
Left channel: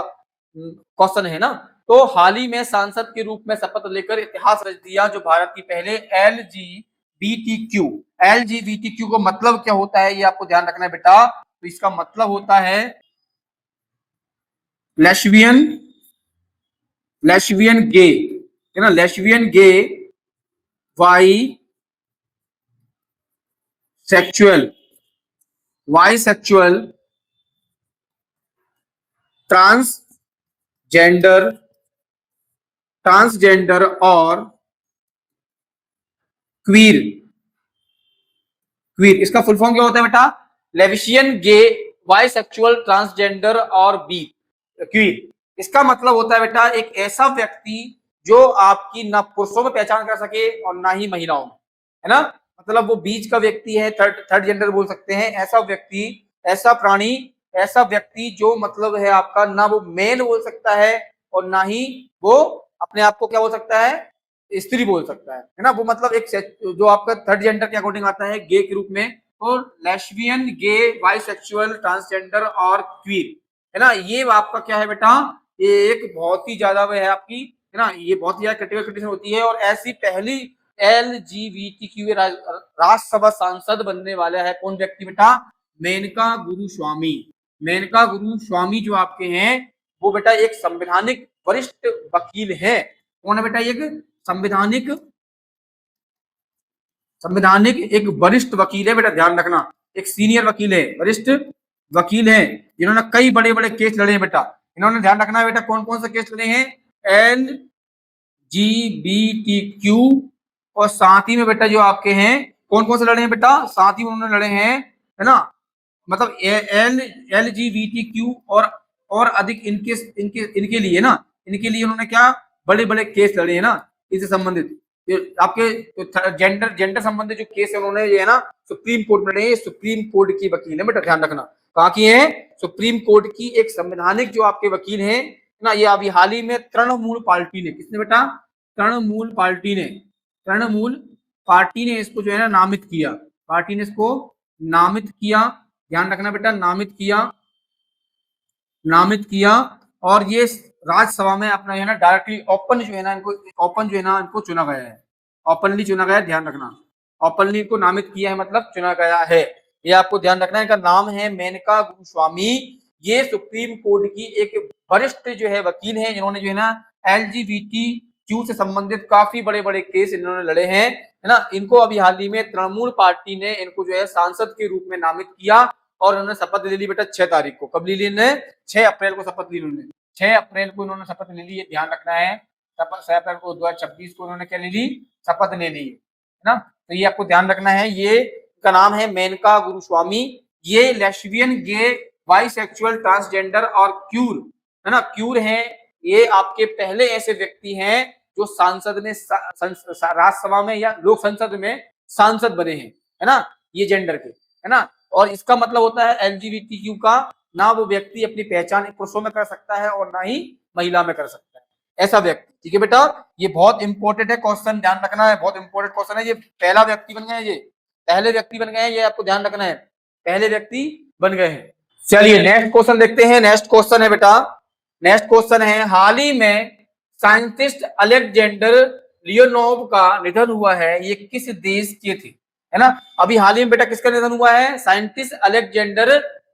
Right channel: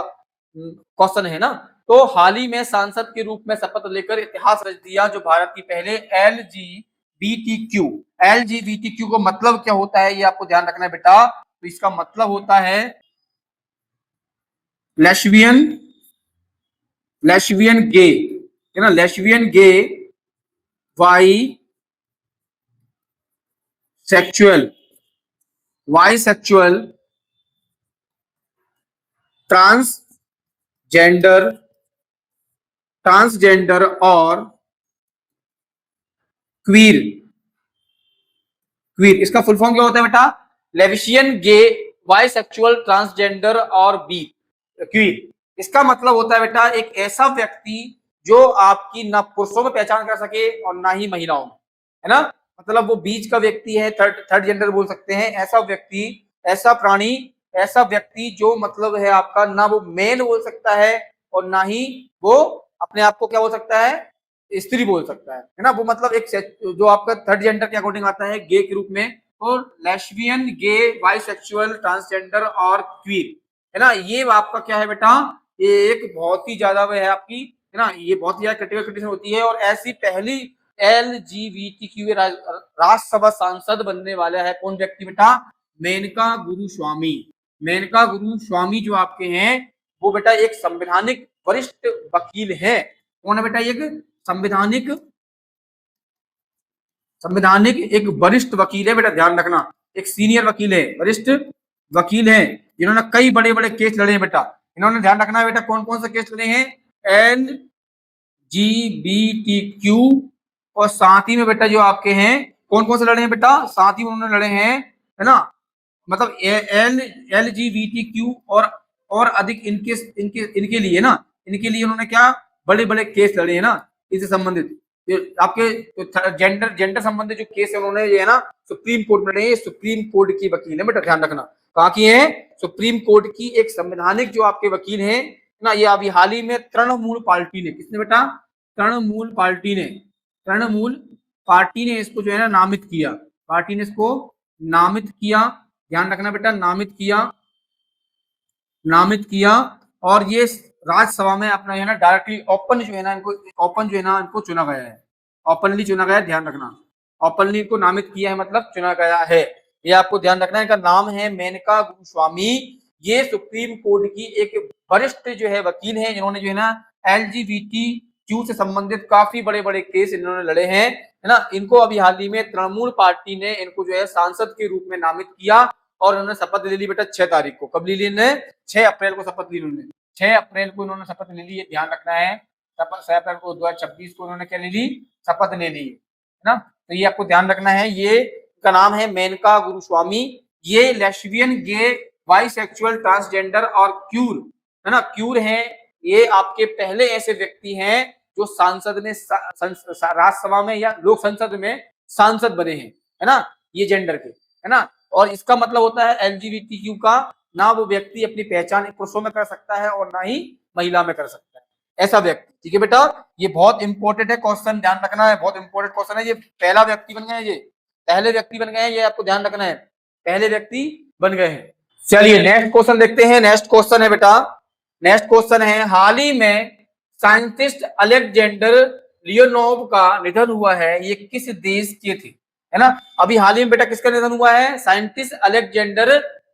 क्वेश्चन है ना। तो हाल ही में सांसद के रूप में शपथ लेकर इतिहास रच दिया, जो भारत की पहले LGBTQ, LGBTQ का मतलब क्या होता है, ये आपको ध्यान रखना है बेटा। तो इसका मतलब होता है लेस्बियन, लेस्बियन गे, है ना? Lesbian gay, bisexual, bisexual, transgender, transgender और क्वीर, क्वीर इसका फुल फॉर्म क्या होता है बेटा? लेविशियन गे, बाइसेक्सुअल, ट्रांसजेंडर और बी क्वीर। इसका मतलब होता है बेटा एक ऐसा व्यक्ति जो आपकी ना पुरुषों में पहचान कर सके और ना ही महिलाओं में, है ना? मतलब वो बीच का व्यक्ति है, थर्ड थर्ड जेंडर बोल सकते हैं। ऐसा व्यक्ति, ऐसा प्राणी, ऐसा व्यक्ति जो मतलब है आपका ना वो मेन बोल सकता है और ना ही वो अपने आप को क्या बोल सकता है? स्त्री बोल सकता है ना? वो मतलब एक जो आपका थर्ड जेंडर के अकॉर्डिंग आता है गे के रूप में, और लेस्बियन, गे, बाइसेक्सुअल, ट्रांसजेंडर और क्वीर, है ना? ये आपका क्या है बेटा? ये एक बहुत ही ज्यादा है आपकी, है ना, ये बहुत ही ज्यादा क्रिटिकल कंडीशन होती है। और ऐसी पहली LGBTQ राज्यसभा सांसद बनने वाला है कौन व्यक्ति बेटा? मेनका गुरु स्वामी। मेनका गुरु स्वामी जो आपके हैं वो बेटा एक संवैधानिक वरिष्ठ वकील है। कौन है बेटा? एक संवैधानिक संवैधानिक एक वरिष्ठ वकील है बेटा, ध्यान रखना। एक सीनियर वकील है, वरिष्ठ वकील है, जिन्होंने कई बड़े बड़े केस लड़े बेटा। इन्होंने ध्यान रखना बेटा कौन कौन से केस लड़े हैं? LGBTQ और साथ ही में बेटा जो आपके हैं कौन कौन से लड़े हैं बेटा? साथ ही उन्होंने लड़े हैं, है ना, मतलब LGBTQ और अधिक इनके इनके इनके लिए ना, इनके लिए उन्होंने क्या बड़े बड़े केस लड़े हैं ना, इससे संबंधित आपके जेंडर जेंडर संबंधित जो केस है उन्होंने ये है ना सुप्रीम कोर्ट में लड़े हैं। सुप्रीम कोर्ट की वकील है बेटा, ध्यान रखना। कहाँ की है? सुप्रीम कोर्ट की एक संवैधानिक जो आपके वकील है ना। ये अभी हाल ही में तृणमूल पार्टी ने, किसने बेटा? तृणमूल पार्टी ने, तृणमूल पार्टी ने इसको जो है ना नामित किया। पार्टी ने इसको नामित किया, ध्यान रखना बेटा, नामित किया, नामित किया। और ये राज्यसभा में अपना है ना डायरेक्टली ओपन जो है ना इनको, ओपन जो है ना इनको चुना गया है, ओपनली चुना गया है, ध्यान रखना। ओपनली इनको नामित किया है मतलब चुना गया है, ये आपको ध्यान रखना है। इनका नाम है मेनका गुरुस्वामी। ये सुप्रीम कोर्ट की एक वरिष्ठ जो है वकील है, जिन्होंने जो है ना LGBTQ से संबंधित काफी बड़े बड़े केस इन्होंने लड़े हैं, है ना। इनको अभी हाल ही में तृणमूल पार्टी ने इनको जो है सांसद के रूप में नामित किया और उन्होंने शपथ ले ली बेटा 6 तारीख को। कब ली लेना? 6 अप्रैल को शपथ ली उन्होंने। 6 अप्रैल को इन्होंने शपथ ले ली, ध्यान रखना है। 6 अप्रैल को 2026 को उन्होंने क्या ले ली? शपथ ले ली, है ना। तो ये आपको ध्यान रखना है। ये का नाम है मेनका गुरुस्वामी। ये लेस्बियन, गे, बाइसेक्सुअल, ट्रांसजेंडर और क्यूर, है ना, क्यूर है। ये आपके पहले ऐसे व्यक्ति हैं जो सांसद में राज्यसभा में या लोक संसद में सांसद बने हैं, है ना, ये जेंडर के, है ना। और इसका मतलब होता है LGBTQ का ना वो व्यक्ति अपनी पहचान पुरुषों में कर सकता है और ना ही महिला में कर सकता है, ऐसा व्यक्ति। ठीक है बेटा, ये बहुत इंपॉर्टेंट है क्वेश्चन, ध्यान रखना है, बहुत इंपॉर्टेंट क्वेश्चन है। ये पहला व्यक्ति बन गए हैं, ये पहले व्यक्ति बन गए हैं, ये आपको ध्यान रखना है, पहले व्यक्ति बन गए हैं। चलिए नेक्स्ट क्वेश्चन देखते हैं। नेक्स्ट क्वेश्चन है बेटा, नेक्स्ट क्वेश्चन है, हाल ही में साइंटिस्ट अलेक्जेंडर लियोनोव का निधन हुआ है, ये किस देश के थे? है ना, अभी हाल ही में बेटा किसका निधन हुआ है? साइंटिस्ट अलेक्जेंडर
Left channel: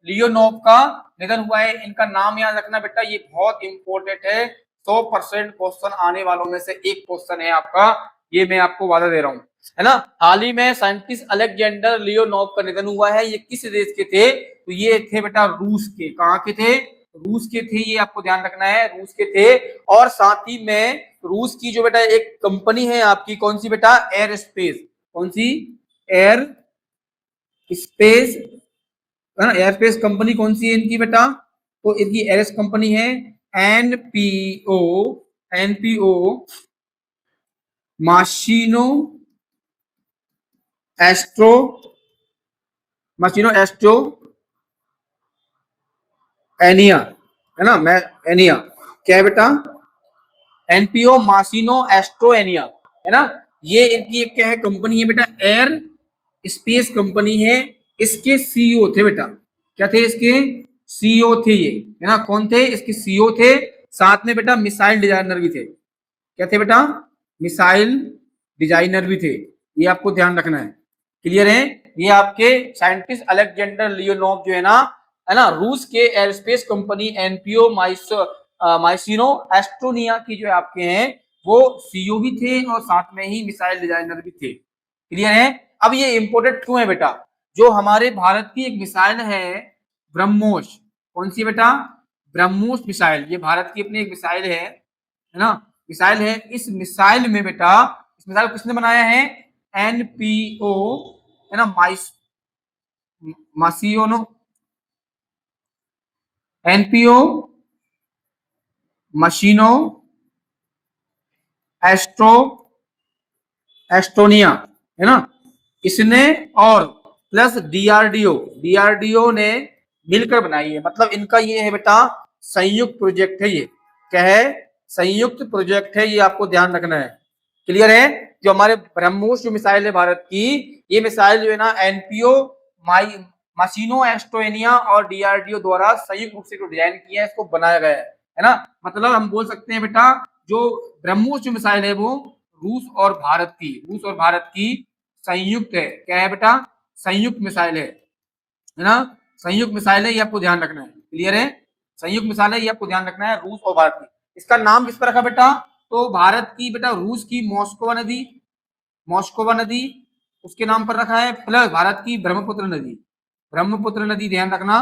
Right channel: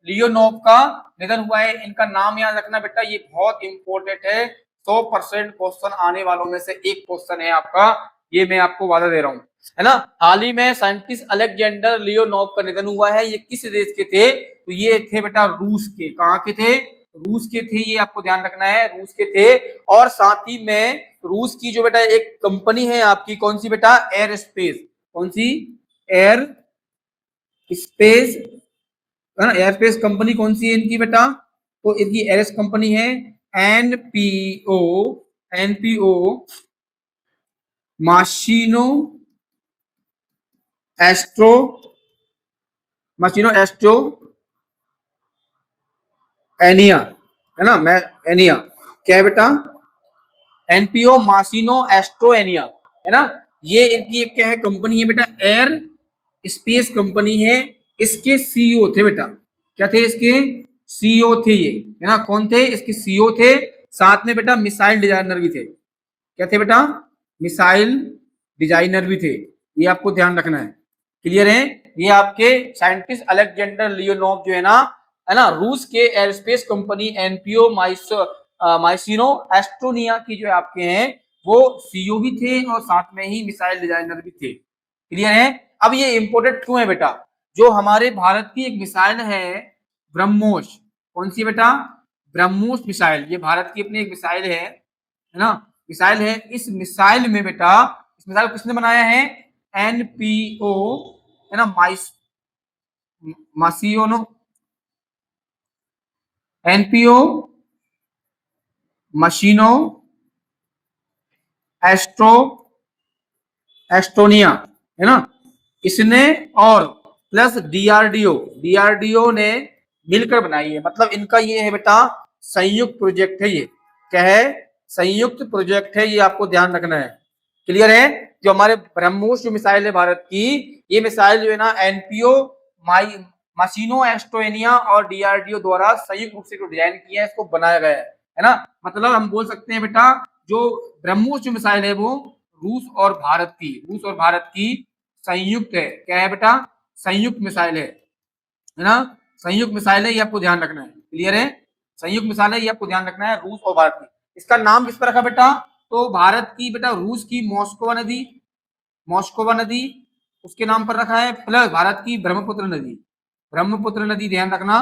लियोनोव का निधन हुआ है। इनका नाम याद रखना बेटा, ये बहुत इंपॉर्टेंट है, 100% क्वेश्चन आने वालों में से एक क्वेश्चन है आपका, ये मैं आपको वादा दे रहा हूं, है ना। हाल ही में साइंटिस्ट अलेक्जेंडर लियोनोव का निधन हुआ है, ये किस देश के थे? तो ये थे बेटा रूस के। कहाँ के थे? रूस के थे, ये आपको ध्यान रखना है, रूस के थे। और साथ ही में रूस की जो बेटा एक कंपनी है आपकी, कौन सी बेटा? Air space. कौन सी? Air space, air space company कौन सी है इनकी बेटा? तो इनकी एयर कंपनी है एनपीओ, एनपीओ माशिनो एस्ट्रो, माशिनो एस्ट्रो एनिया, है ना, मैं एनिया क्या है बेटा? एनपीओ माशिनो एस्ट्रो एनिया, है ना। ये इनकी एक क्या है कंपनी है बेटा, एयर स्पेस कंपनी है। इसके सीईओ थे बेटा, क्या थे इसके? सीईओ थे ये, है ना। कौन थे इसके सीईओ थे? साथ में बेटा मिसाइल डिजाइनर भी थे। क्या थे बेटा? मिसाइल डिजाइनर भी थे, ये आपको ध्यान रखना है। क्लियर है? ये आपके साइंटिस्ट अलेक्जेंडर लियोनोव जो है ना, रूस के एयरस्पेस कंपनी एनपीओ माइसिनो एस्ट्रोनिया की जो आपके हैं वो सीईओ भी थे और साथ में ही मिसाइल डिजाइनर भी थे। क्लियर है? अब ये इंपोर्टेंट क्यों है बेटा? जो हमारे भारत की एक मिसाइल है ब्रह्मोस, कौन सी बेटा? ब्रह्मोस मिसाइल, ये भारत की अपनी एक मिसाइल है ना, मिसाइल है। इस मिसाइल में बेटा, इस मिसाइल को किसने बनाया है? एनपीओ, है ना, मासिनो, एनपीओ मशीनो एस्ट्रो एस्टोनिया, है ना, इसने और प्लस डीआरडीओ, डीआरडीओ ने मिलकर बनाई है। मतलब इनका ये है बेटा संयुक्त प्रोजेक्ट है, ये क्या है? संयुक्त प्रोजेक्ट है, ये आपको ध्यान रखना है। क्लियर है? जो हमारे ब्रह्मोस जो मिसाइल है भारत की, ये मिसाइल जो है ना एनपीओ मासिनो एस्टोनिया और डीआरडीओ द्वारा संयुक्त रूप से जो डिजाइन किया है, इसको बनाया गया है ना। मतलब हम बोल सकते हैं बेटा जो ब्रह्मोस जो मिसाइल है वो रूस और भारत की संयुक्त है। क्या है बेटा? संयुक्त मिसाइल है है ना। संयुक्त मिसाइल है, ये आपको ध्यान रखना है। क्लियर है, संयुक्त मिसाइल है, ये आपको ध्यान रखना है, रूस और भारत की। इसका नाम किस पर रखा बेटा, तो भारत की बेटा रूस की मॉस्कोवा नदी, मॉस्कोवा नदी उसके नाम पर रखा है, प्लस भारत की ब्रह्मपुत्र नदी, ब्रह्मपुत्र नदी ध्यान रखना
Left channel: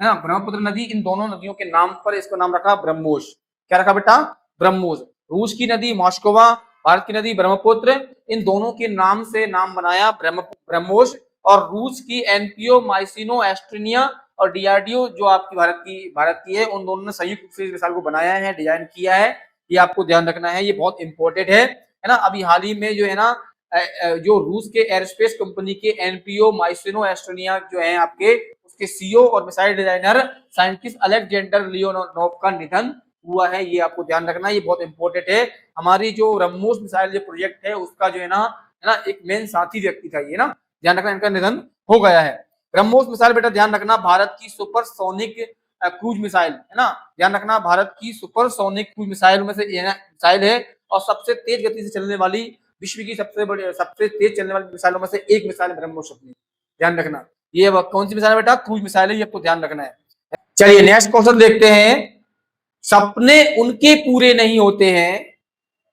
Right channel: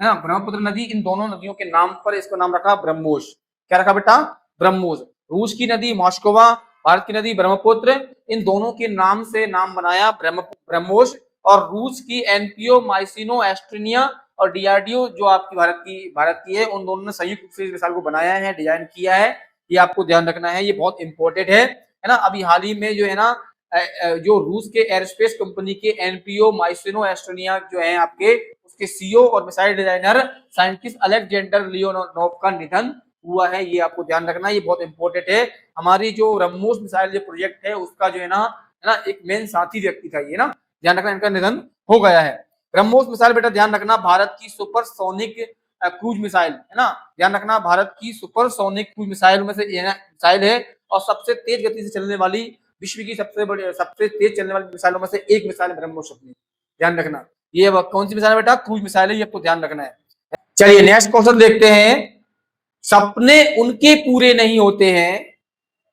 है ना, ब्रह्मपुत्र नदी, इन दोनों नदियों के नाम पर इसको नाम रखा ब्रह्मोस। क्या रखा बेटा, ब्रह्मोस। रूस की नदी मॉस्कोवा, भारत की नदी ब्रह्मपुत्र, इन दोनों के नाम से नाम बनाया ब्रह्मोस। और रूस की एनपीओ, माइसिनो, एस्ट्रेनिया और डीआरडीओ जो आपकी भारत की है, उन दोनों ने संयुक्त रूप से इस मिसाइल को बनाया है, डिजाइन किया है। ये आपको ध्यान रखना है, ये बहुत इंपॉर्टेंट है ना। अभी हाल ही में जो है ना, जो रूस के एयरस्पेस कंपनी के एनपीओ, माइसिनो, एस्ट्रेनिया जो है आपके, उसके सीईओ और missile designer scientist Alexander Leonov का निधन हुआ है। ये आपको ध्यान रखना है, ये बहुत इंपॉर्टेंट है। हमारी जो ब्रह्मोस मिसाइल जो प्रोजेक्ट है, उसका जो है ना एक मेन साथी व्यक्ति था ये ना, ध्यान रखना, इनका निधन हो गया है। ब्रह्मोस मिसाइल बेटा ध्यान रखना, भारत की सुपरसोनिक क्रूज मिसाइल है ना, ध्यान रखना, भारत की सुपरसोनिक क्रूज मिसाइल में से एक और सबसे तेज गति से चलने वाली, विश्व की सबसे तेज चलने वाली मिसाइलों में से एक मिसाइल ब्रह्मोस अपनी, ध्यान रखना। ये कौन सी मिसाइल है बेटा, क्रूज मिसाइल है, ये आपको ध्यान रखना है। चलिए नेक्स्ट क्वेश्चन देखते हैं। सपने उनके पूरे नहीं होते हैं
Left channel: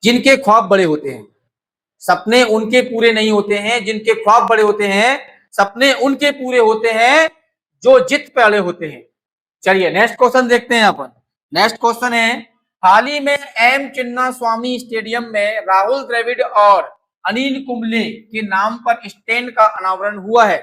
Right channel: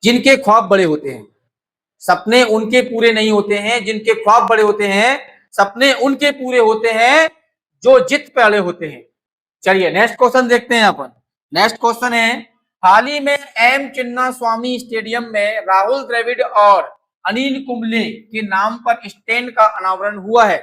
जिनके ख्वाब बड़े होते हैं। सपने उनके पूरे नहीं होते हैं जिनके ख्वाब बड़े होते हैं, सपने उनके पूरे होते हैं जो जिद पे अड़े होते हैं। चलिए नेक्स्ट क्वेश्चन देखते हैं अपन। नेक्स्ट क्वेश्चन है, हाल ही में एम चिन्ना स्वामी स्टेडियम में राहुल द्रविड़ और अनिल कुंबले के नाम पर स्टैंड का अनावरण हुआ है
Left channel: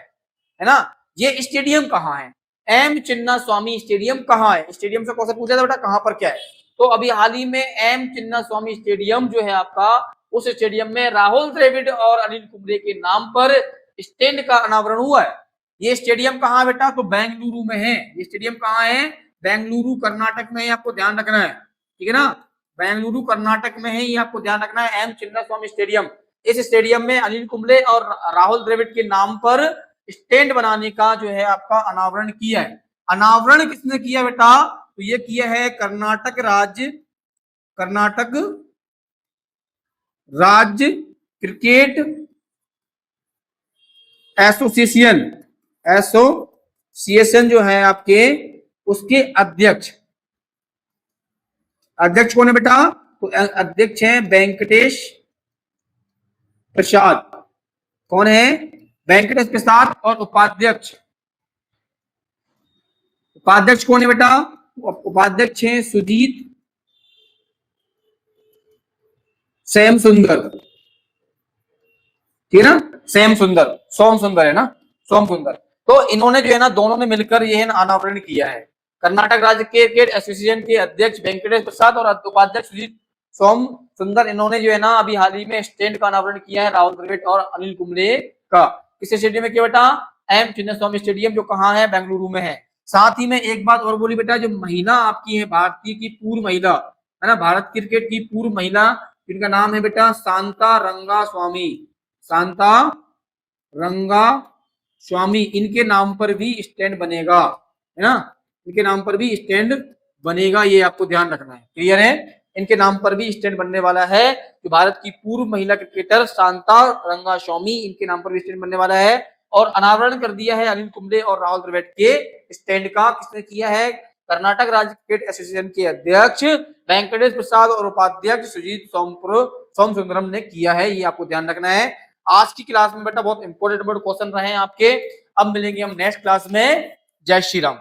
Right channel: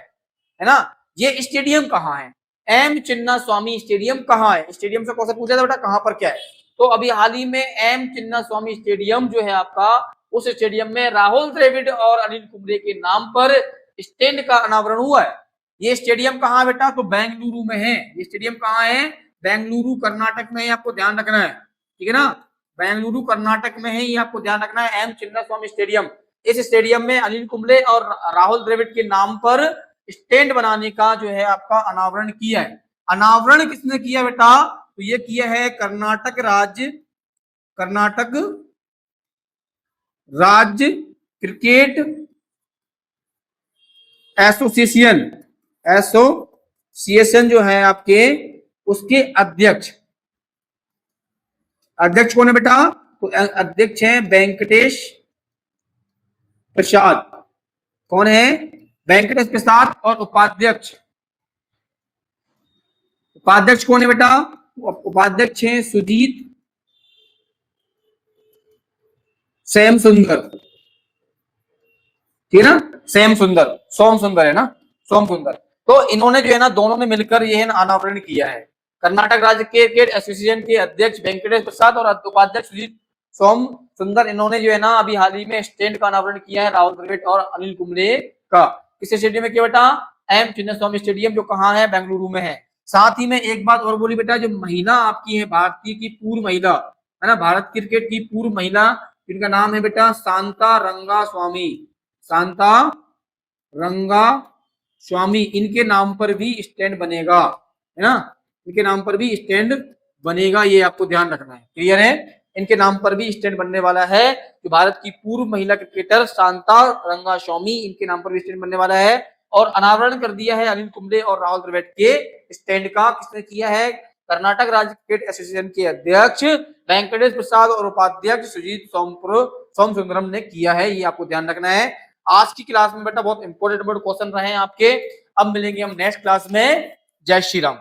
ना। ये स्टेडियम कहाँ है, एम चिन्ना स्वामी स्टेडियम कहाँ है, स्टेडियम से क्वेश्चन पूछा था बेटा, कहाँ पर क्या है। तो अभी हाल ही में एम चिन्ना स्वामी स्टेडियम जो है आपका, उस स्टेडियम में राहुल द्रविड़ और अनिल कुंबले के नाम पर स्टैंड का अनावरण हुआ है। ये स्टेडियम कहाँ है बेटा, तो बेंगलुरु में है। ये स्टेडियम कहाँ है, बेंगलुरु कर्नाटक में है, आपको ध्यान रखना है, ठीक है ना, बेंगलुरु कर्नाटक में है, ये आपको ध्यान रखना है, एम चिन्ना स्वामी स्टेडियम। इस स्टेडियम में अनिल कुंबले और राहुल द्रविड़ के नाम पर स्टैंड बनाने का जो है आपका अनावरण किया है। अनावरण किसने किया बेटा, तो ये किया है कर्नाटक राज्य क्रिकेट एसोसिएशन जो है आपके, उसके अध्यक्ष कौन है बेटा, तो अध्यक्ष है वेंकटेश प्रसाद। कौन है, वेंकटेश प्रसाद। और उपाध्यक्ष कौन है बेटा, उपाध्यक्ष है सुजीत सैम सुंदर, ठीक है ना, सोम सुंदर है ना, सोम सुंदर। तो इन्होंने जो है ना, दोनों ने मिलकर यह अनावरण किया है। कर्नाटक राज्य क्रिकेट एसोसिएशन के अध्यक्ष वेंकटेश प्रसाद और उपाध्यक्ष सोम सुंदर, इन्होंने जो है ना अभी हाल ही में स्टैंड का अनावरण किया है राहुल द्रविड़ और अनिल कुंबले का। इस स्टेडियम में क्या बेटा, एम चिन्नास्वामी स्टेडियम, जो कहाँ है, बेंगलुरु में है। साथ ही में एक बात और बोली बेटा, जो महिला आपकी है, भारतीय की पूर्व महिला है ना, भारत क्रिकेट की पूर्व महिला, जिनका नाम है बेटा शांता रंगास्वामी, शांता रंगास्वामी, इनके नाम पर भी स्टैंड बनेगा, है ना, इनके नाम पर भी स्टैंड बनेगा, ये आपको ध्यान रखना है। क्लियर है, इनके नाम पर भी स्टैंड बनने वाला है। जो भारत की पूर्व महिला क्रिकेटर शांता रंगास्वामी, इनके नाम पर भी स्टैंड बनने वाला है। और अनावरण कर दिया है अनिल कुंबले और राहुल द्रविड़ के स्टैंड का। किसने किया है, कर्नाटक राज्य क्रिकेट एसोसिएशन के अध्यक्ष वेंकटेश प्रसाद और उपाध्यक्ष सुजीत सोम सुंदरम ने किया है, ये आपको ध्यान रखना है। आज की क्लास में बेटा बहुत इंपॉर्टेंट क्वेश्चन रहे हैं आपके। अब मिलेंगे हम नेक्स्ट क्लास में। जय श्री राम।